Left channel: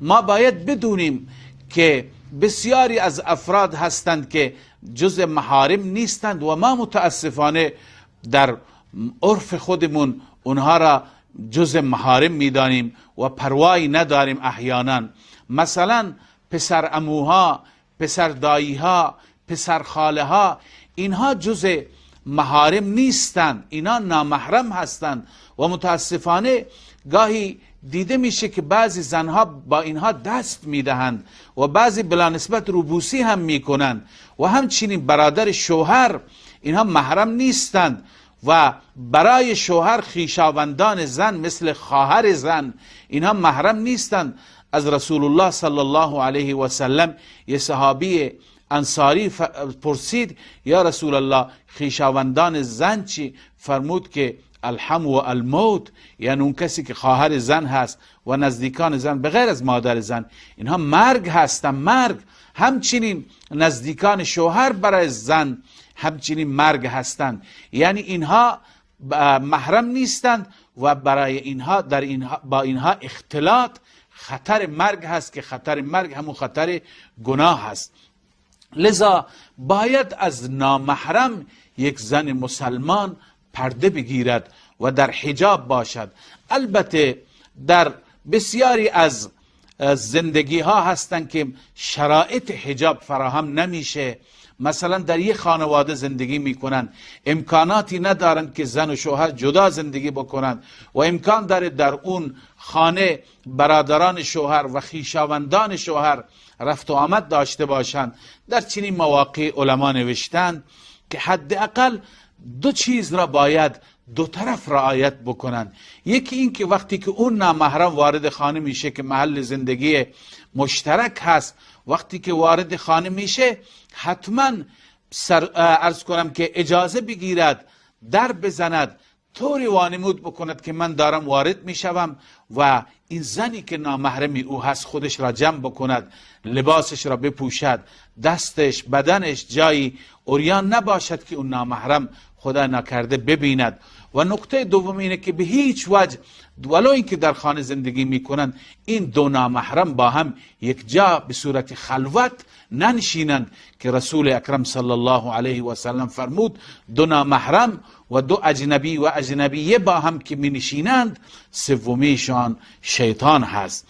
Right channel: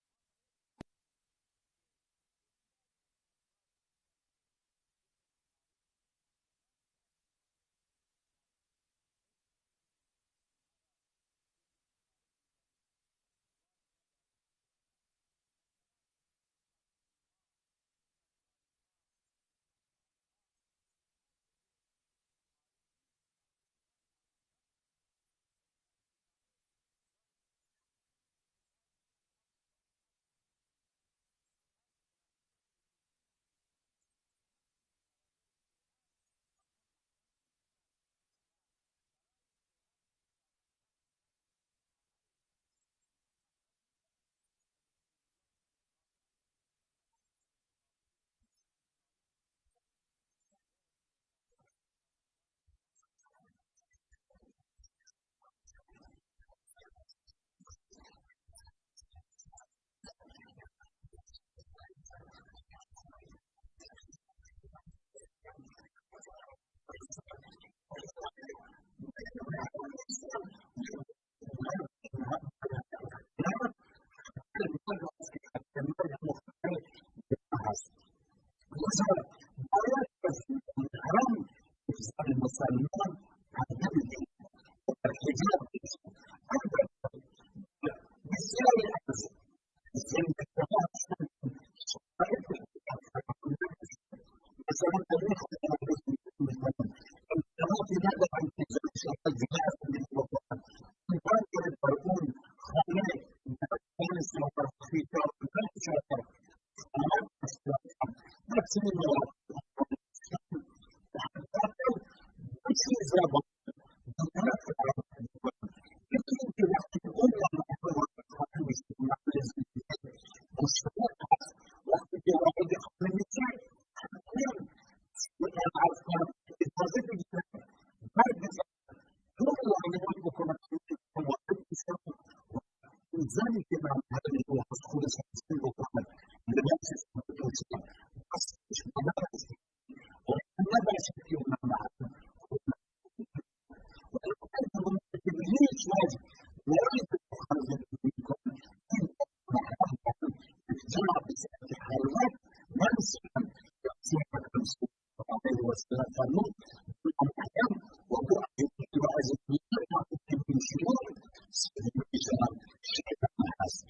ما باید بدونیم که بسیاری از افراد هستند که جز محارم نیستند و ما متاسفانه در عرف خودمون اونها را جز محارم میدانیم و پروایی نداریم. احیانا مثلا پسر عموها، پسر داییها، پسر خاله ها، اینها جز محارم نیستند، اینا نامحرم هستند و متاسفانه گاهی دیده میشه که بعضی زنها با اینها دست میدهند و بعضی بلا نسبت روبوسی هم میکنند و همچنین برادر شوهر، اینها محرم نیستند و برای شوهر خویشاوندان زن مثل خواهر زن اینها محرم نیستند. از رسول الله صلی الله علیه و سلم یه صحابی انصاری پرسید یا رسول الله خویشاوندان زن چی؟ فرمود که الحم و الموت، یعنی اون کسی که خواهر زن هست و نزدیکان زن به غیر از مادر زن اینها مرگ هستن، مرگ. همچنین نزدیکان شوهر برای زن همچنین مرگ هستند، یعنی اینها محرم نیستند و برای اینها با اینها اختلاط خطر مرگ هست که خطر مرگ همون خطر گناه هست. لذا باید از نامحرم یک زن مسلمان پرده بگیرد و در حجاب باشد. البته در بسیاری از زندگی ها هستند که شرایط حجاب فراهم نمیشه. مثلا در یک خانواده زندگی میکنند، امکاناتی ندارند که زن و شوهر جدا زندگی بکنند و امکان داره در اون خانه برادران شوهر و خویشاوندان شوهر رفت و آمد داشته باشند. در چنین مواقع علما نوشتند که حداقل دو چیز را باید دو طرف رعایت بکنند. یکی این که وقتی که اون نامحرم وارد خانه میشه که محل زندگی مشترک هست، وقتی که وارد خانه میشه حتما عرض کنم که اجازه بگیرد، در بزند، طوری وانمود بکند که من دارم وارد میشوم و این زنی که نامحرمی او هست خودش را جمع بکند، لباسش را بپوشد، دستش بدنش جایی عریان نباشد که اون نامحرم خدا نکرده ببیند. و نکته دوم اینه که به هیچ وجه ولو اینکه در خانه زندگی میکنند این دو نامحرم با هم یک جا به صورت خلوت ننشینند که رسول اکرم صلی الله علیه و سلم فرمود دو نامحرم و دو اجنبی و اجنبیه با هم که می نشینند سومیشان شیطان هست.